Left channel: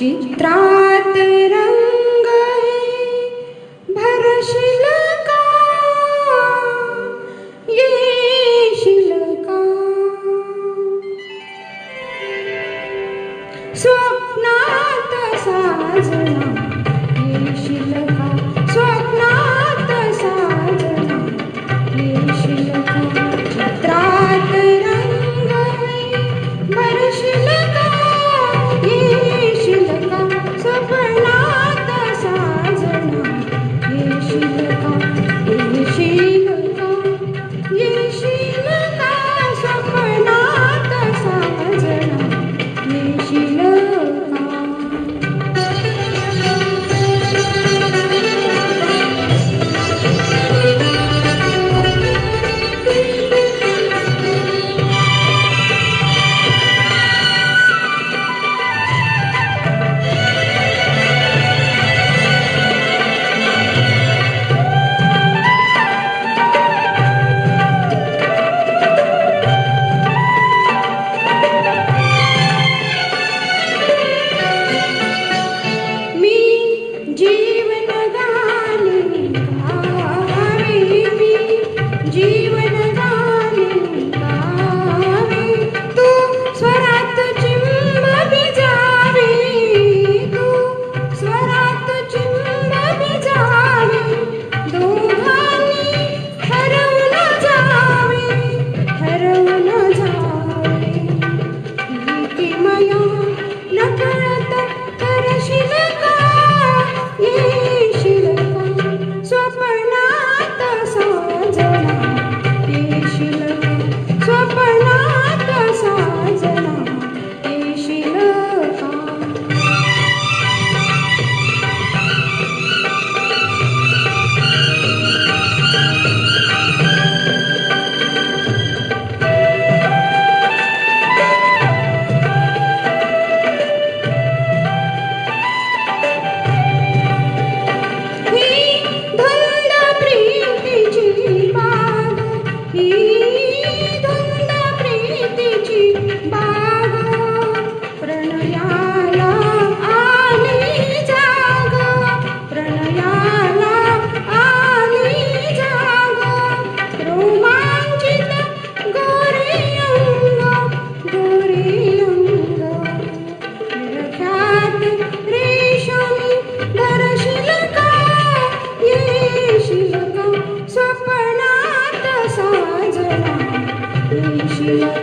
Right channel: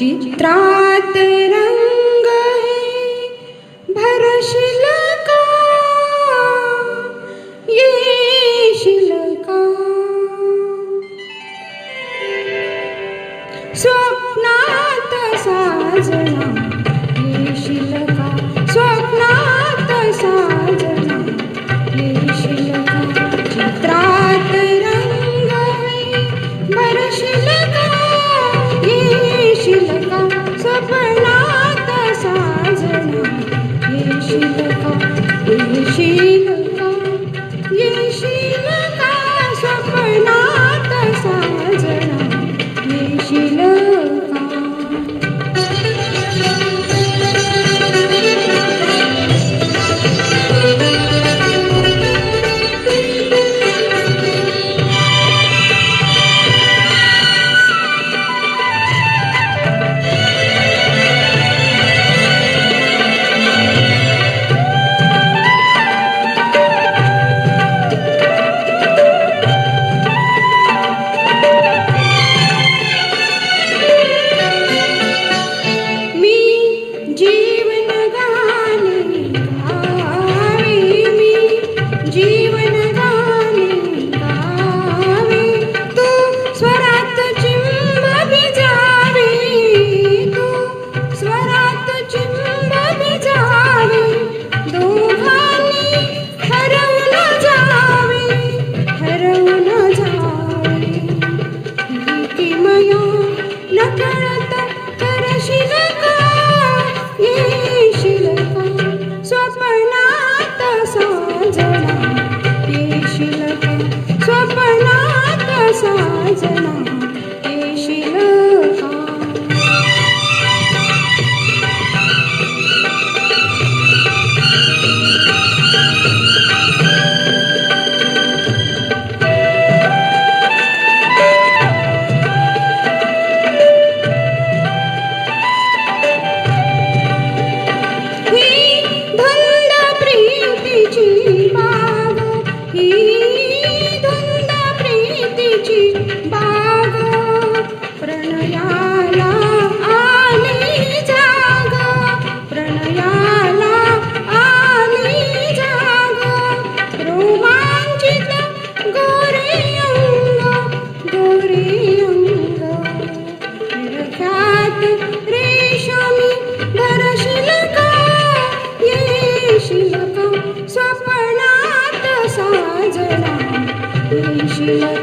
चित्रात रंग भरशील का येशील का स्वप्नात साजना येशील का स्वप्नात साजना येशील का चित्रात रंग भरशील का येशील का स्वप्नात साजना येशील का येशील का येशील का स्वप्नात साजना येशील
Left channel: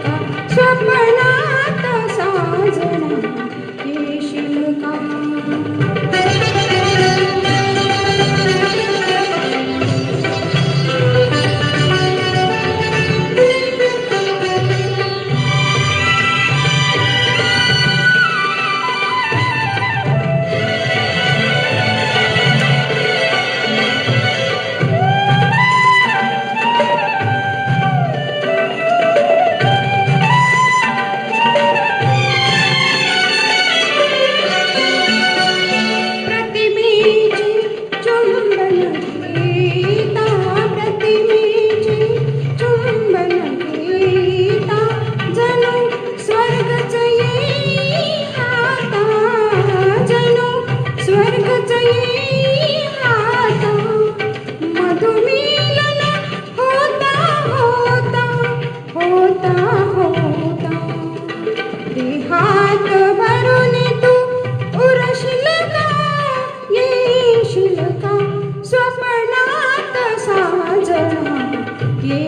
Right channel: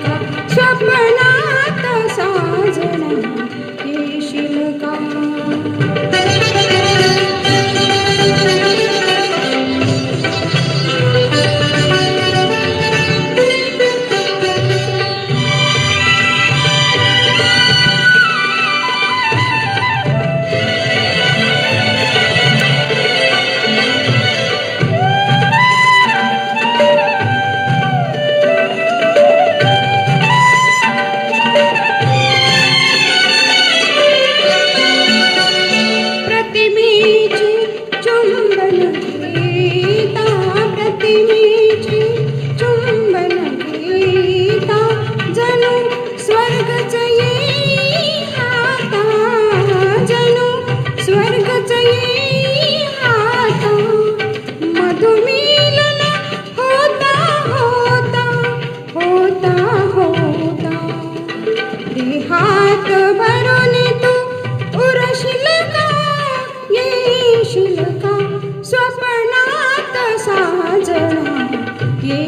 का स्वप्नात साजना येशील का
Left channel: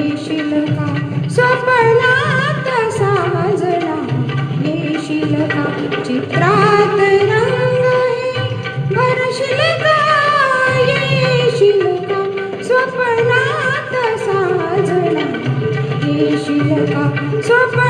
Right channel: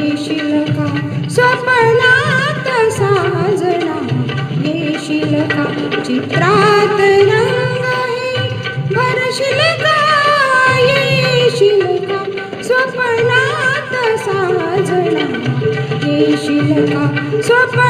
येशील का स्वप्नात साजना येशील का चित्रात रंग भरशील का येशील का स्वप्नात साजना येशील का स्वप्न